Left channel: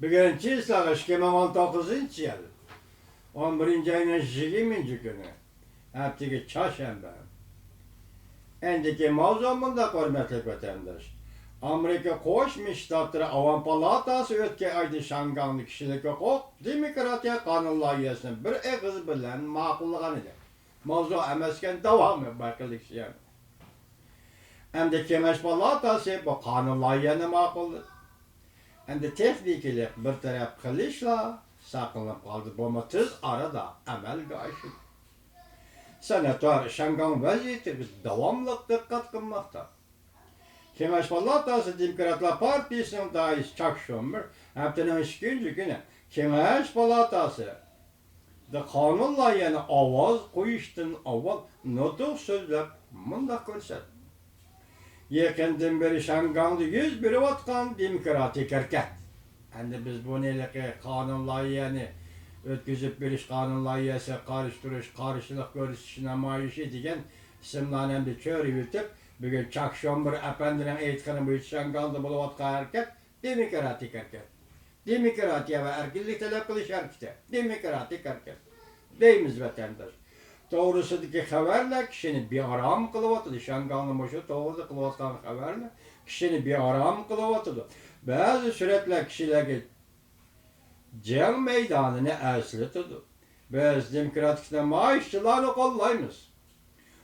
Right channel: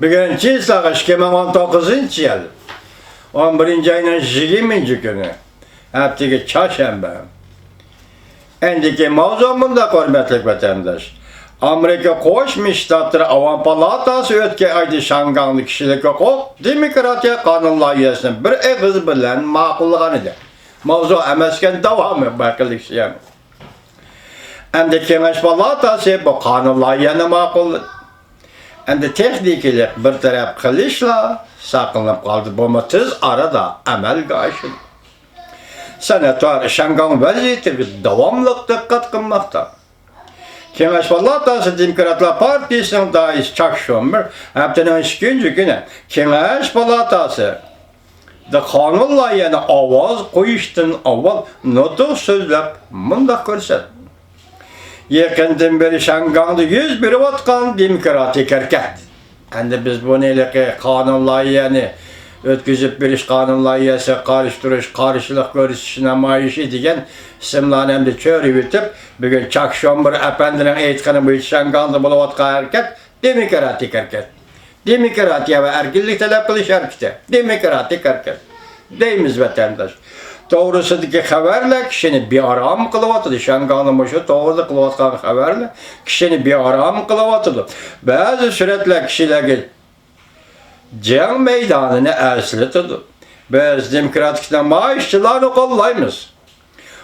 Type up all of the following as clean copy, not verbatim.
Bugün çiğsağı 2019 yıl. 11. ayının 20. günü. Hepteki çarşamba. Endiki mavzumunda hürmetli vatandaş. Amerika Koşmuş Ştatları Avam Palatası ötke aydı şanganlı kişilik hukuk demokratiya kanun layihəsini bir eğiz bilen maqullığını idi. Mavzu emesken devamı bakılık yani. Endi Kengaş Palatası bu kanun layihəsini maqulladı. Endi texnikilik bir taraf kılışla saklanıp kaldı. Bu tez arada amelga aşıldı. Senatör şangan vaziyeti devamlılık dikkat kılmakta. Kengaş Palatası Demokratlar Partisi'nin dayısı Chuck Schumer, haftanın 2. günü Kengaş Palatası da kanun layihəsini avaz koyuştan avval nutuk sözlep mındak görsədi. Yakından beri şangandı 101 vatkan demokratik hareket. Endi biz bu neyle kanun layihəsini ötküzüp bir iş kanun layihəsi karıştırış, karşılık görüşü namayışı edigen isimlerini hem de çöre bitip bugün Chuck Schumer efendinin eğitkanı bu şangandı bulavatkan hareket demokratik hareket. Demokratiya ve erkillik talep kılış hareketi. Demokratik hareket. Deyimiz vatandaş. Doğrusudaki haberle kişini bir aram kılıvatıdı. Şanganın başı doğruda kılıvatkan haberle kişini bir aram kılıvatıdı. Bazı süretle kişiler can meydanını esletidir. Biz demokratikten maaşçılarını kollayımız.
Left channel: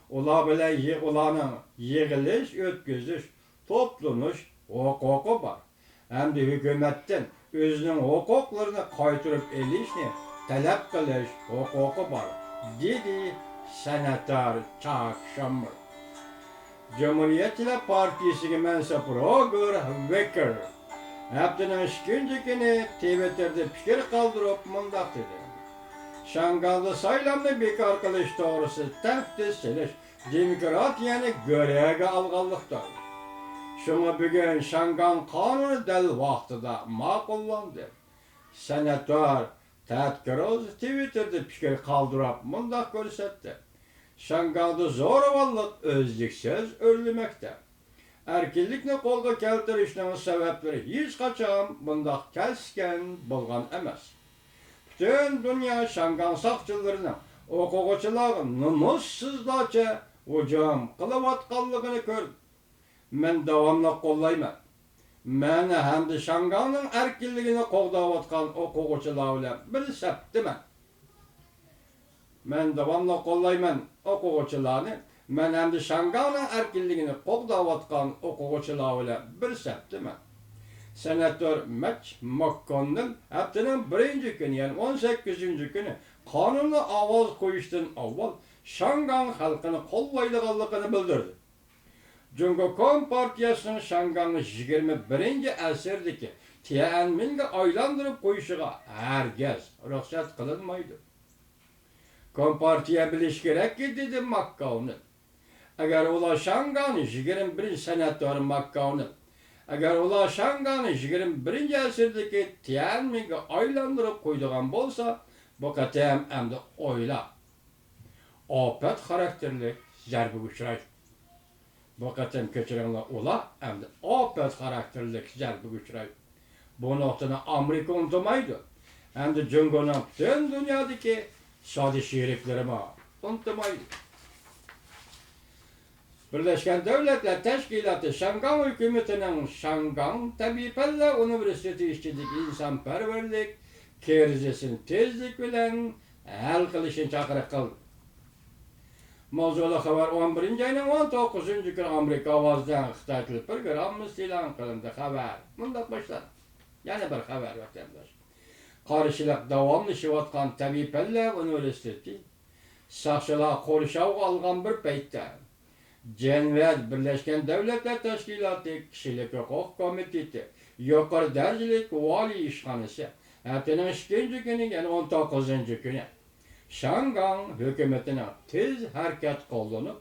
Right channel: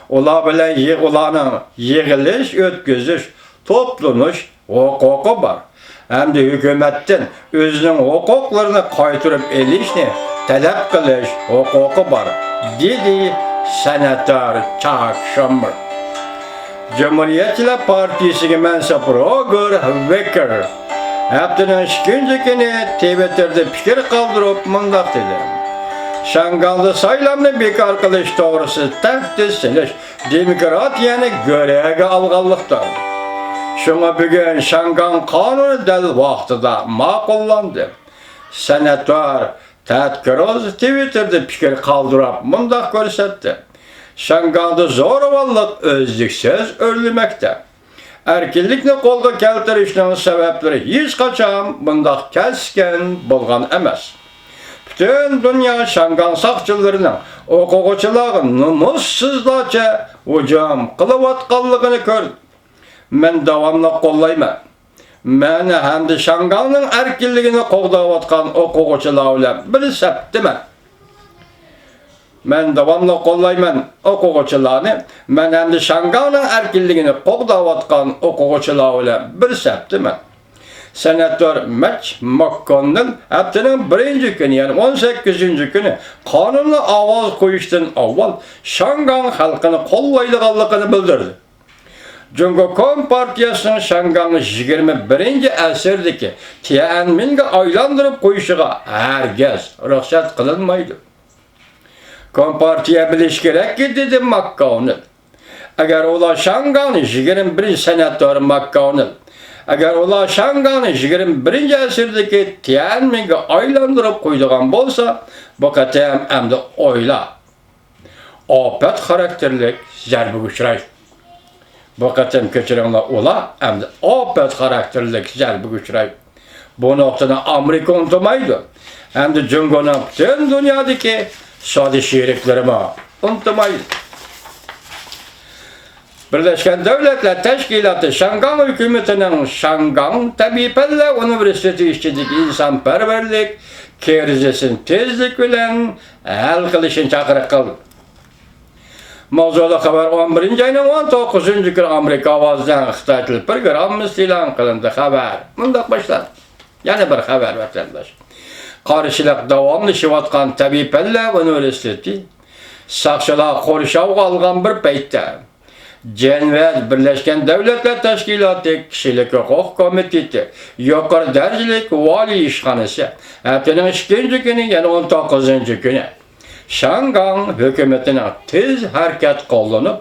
Ola bile olanın yığılış, ötküzüş, toplanış hukuku var. Hem de hükümetin özünün hukuklarını kaytırıp elişini talep kılış hukuku var. Dedi Senatör Chuck Schumer. Cumhuriyetçiler Partisi'nin mensubu Roger Wicker haftanın 2. günü Twitter'da fikir kaldırıp mındak dedi. Şanganlı saylamını bekar kılış doğrusu tahdis siliş demokratiyanı göreve alğanlıktır. Şuna bugün Şangan kanunu del vaxtıda makullandı. Senatör Ted Cruz Twitter'da fikir kaldırıp mındak gösterdi. Şanganlı zorbalık özlüksüz örülmekte. Erkinlikni kolga keltirişinin sebepleri hiç kaçan mındak kesken bolgan emas. Bütün dünya şangan sakçılarının okuguçılığın numussuzlarca hücum kılıvatkanlığını gördü. Men davamlı kollayman. Men hem de şanganın erkinliğini qoğdavatkan okuguçılığıyla bir septimen. Men davamlı kollayman okuguçılığını, men hem de şanganın erkinliğini qoğdavatkan okuguçılığıyla bir septimen. Senatör Mitch McConnell haftanın 1. günü yani 18. günü kanunlu avaz koyuştan avval Şangan halkını kollaydıqanlığını bildirdi. Cumhuriyet Partiyasının Şangan'ı 21. əsrdeki Tiananmen'e aylandırıp koyuşuğa herkes ruhsat kılınmaydı. Kompartiya biliş gerek ki dedi McConnell. Eğer ola Şangan'ı 21. senatör McConnell eğer ola Şangan'ı 21. əsrdeki Tiananmen'e aylandırıp koyduğun bolsa bu katem hem de oyla. Afet karakterlik zərbi uçraydı. Bu katem keçirenler ola hem de afet karakterlik zərbi uçraydı. Bu noktada Amerika unutmaydı. Hem de Cumhur'un bütün dünyadaki sadi şeriklerimi unutmaydı. Birleşken Devletler Teşkilatı Şangan hükümetinin Şangan Tabipelle Üniversitesi işçilik insanperverlik kerizesinin tezlik bilen el kılışın çakırık kıldı. Mavzulu haber 11. ayının 19. günü Amerika avazdan Xitaylı programımız ilan kılındı haber. Bundak başlar. Yani bir haber vatandaş. Karşılık devamlı şivatkan Tabipelle Üniversitesi sakçılar koruşav algan bir peytte. Cenvet Birleşken Devletler Teşkilatı Kişilik Hukuk Komiteti Yukarı Derecelik Vali İşhanesi haftanın 2. günü yani 19. günü Şangan hükümetine tez hareket kullanıp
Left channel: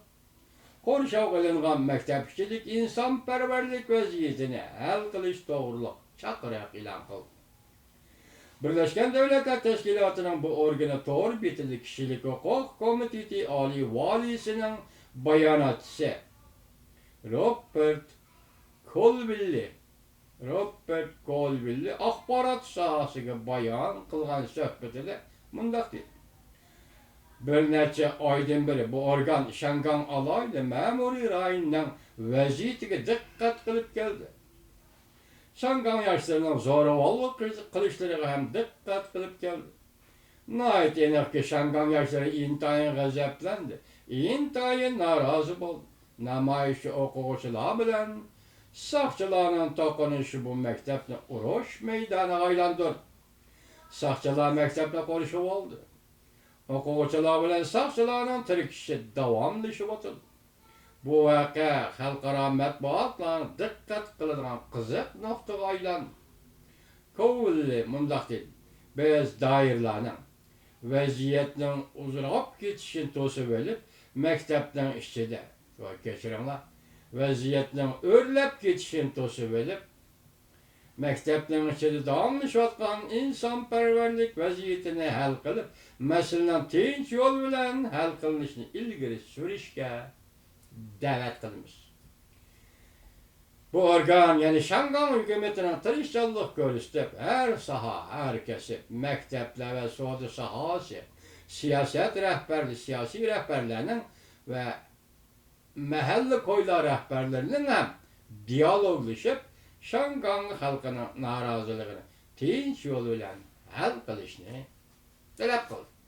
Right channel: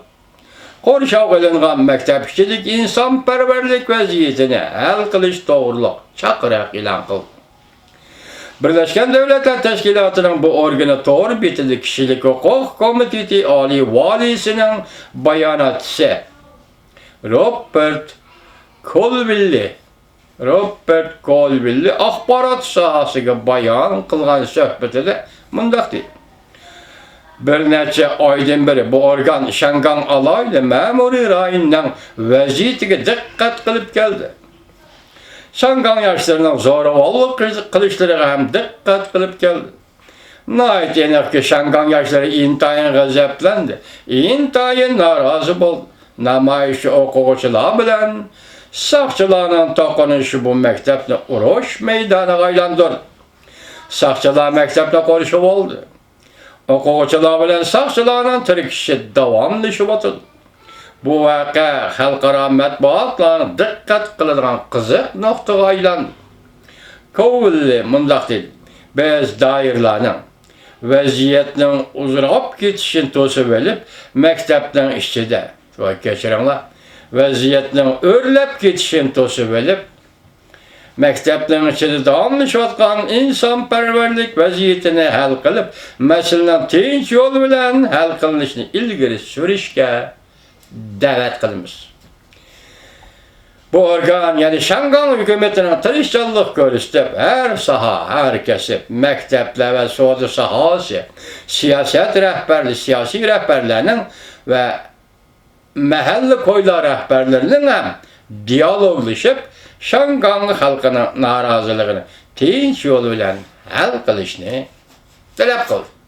koruşav kılıngan mektepçilik insanperverlik vaziyetine el kılış doğruluk çakırak ilan kıldı. Birleşken Devletler Teşkilatı'nın bu organı doğru bitili Kişilik Hukuk Komiteti Ali Valisi'nin bayanatçısı Robert Colville Robert Colville axbarat sahasıga bayan qılğan söhbetide mundaq deydi. Bir neçe aydan beri bu organ Şangan alaylı memuri rayonundan vaziyetiga diqqat qilib keldi. Şangan yaşlarının zo'ravonlik qilishlariga ham diqqat qilib keldi. Nəhayət eniq ki, Şangan yaşları intayin g'azablandı, intayin narazi bo'ldi. Namoyishchi o'quvchilar bilan saqchilarning to'qinishi bu maktabni urush maydoniga aylantirdi. Saqchilar maktabda qorishib oldi. O'quvchilar bilan saqchilarning tirkishi davomlashib o'tdi. Bu voqea xalqaro matbuotlarning diqqat qiladigan qiziq nuqtaga aylandi. Colville mundaq dedi: biz doirlarning vaziyatning uzrab ketishini to'sib olib, maktabning ichida va kechiringlar, vaziyatning o'rlab ketishini to'sib olib, maktabning ichida davomlashayotgan insonparvarlik vaziyatini hal qilib, masalani tinch yo'l bilan hal qilinishini ilgari surishga da'vat qilamiz. Bu organ, yani Şangan hükümetinin tirishchanlik ko'rsatib, her saha, her kesip, mektepler ve savdo sahası, siyaset rehberli, siyasi rehberlerinin ve mahalle koylar rehberlerinin hem diyaloglaşıp, Şangan halkının narazılığını tinch yo'l bilan hal qilishni talab qildi.